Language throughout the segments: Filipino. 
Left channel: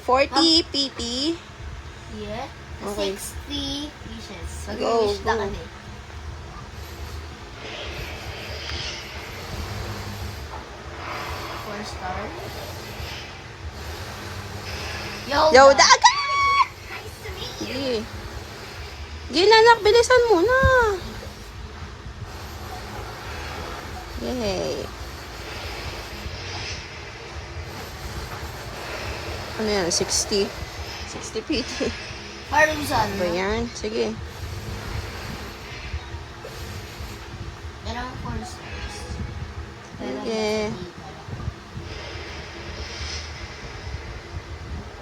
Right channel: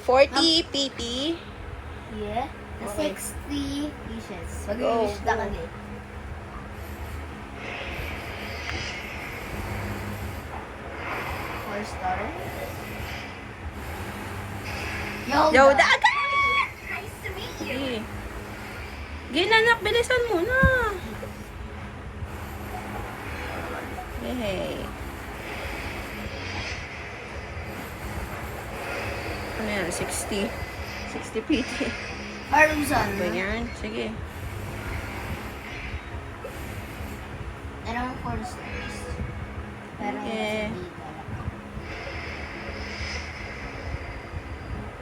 40 PT. Yeah. Okay. 60 dishes. Go, Mag-wish na go. kami. Four star. Yoda agad! Nice to meet you. Sige. Sige na, anak. Bilisan mo na. Yay. Ano yan? 60. 60 PT. Parmesan. Ba yan? Sige. Dalawang 4 stars. Pero Okay. nasa dito.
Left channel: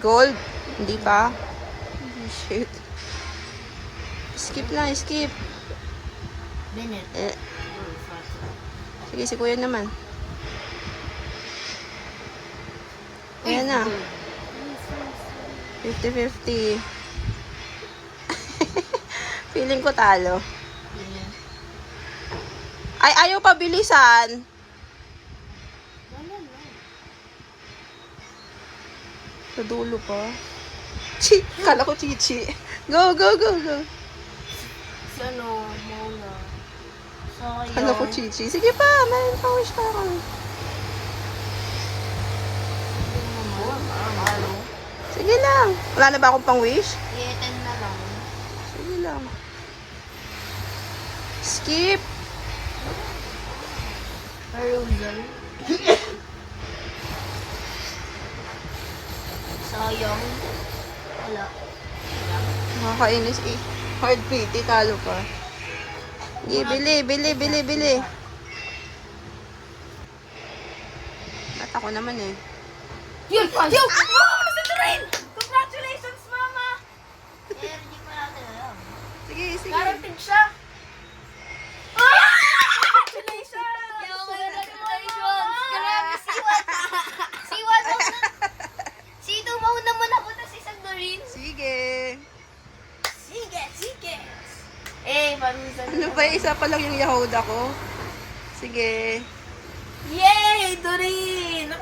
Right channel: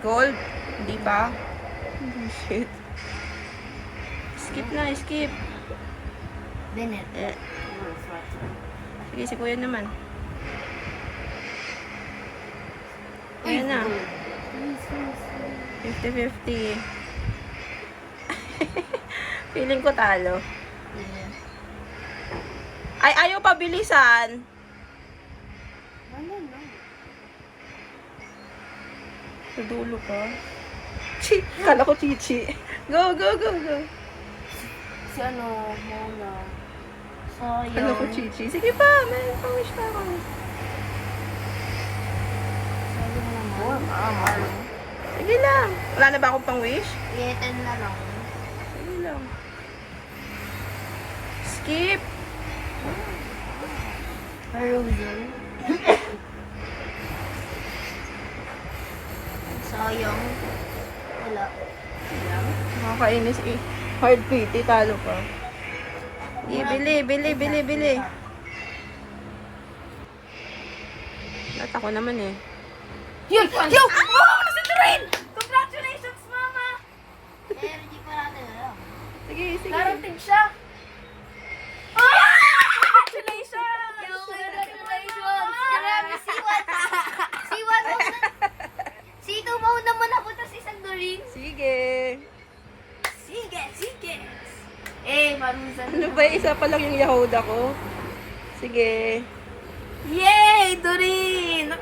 Gold? Hindi pa? Shit. Skip na, skip. Bennett. Sige, si kuya naman. Ayan na. 50-50. Feeling ko talo. Yeah. Ay, ayaw pa bilisan. Wala na. Sa dulo pa. Kala ko chichi. Go, go, go, go. Si ano, Mona. Sayang. Kala ko chichi. Sige pa, may pa-wish pa ako. Sayang naman. Sige lang. Wala na ba akong pang-wish? Yeah, 10 na lang. Sige lang. Skip. Parmesan. Sayang. Wala. Nakakainis eh. Hard PT, talo pa. Sige, bili. Lahat ako naman eh. Yun! Yun! Mama! Nasa train! Congratulations, Mama! Eh, hindi pa natin alam. Sige, sige. Narating siya! Congratulations! Congratulations! Grabe, C1 mo na. C2 mo na muna po tas isang Doreen. Sige. Sige! Eh, parusan Ano ba, isa pa lang yung Yahoda ko? Sige. Yay! Doreen!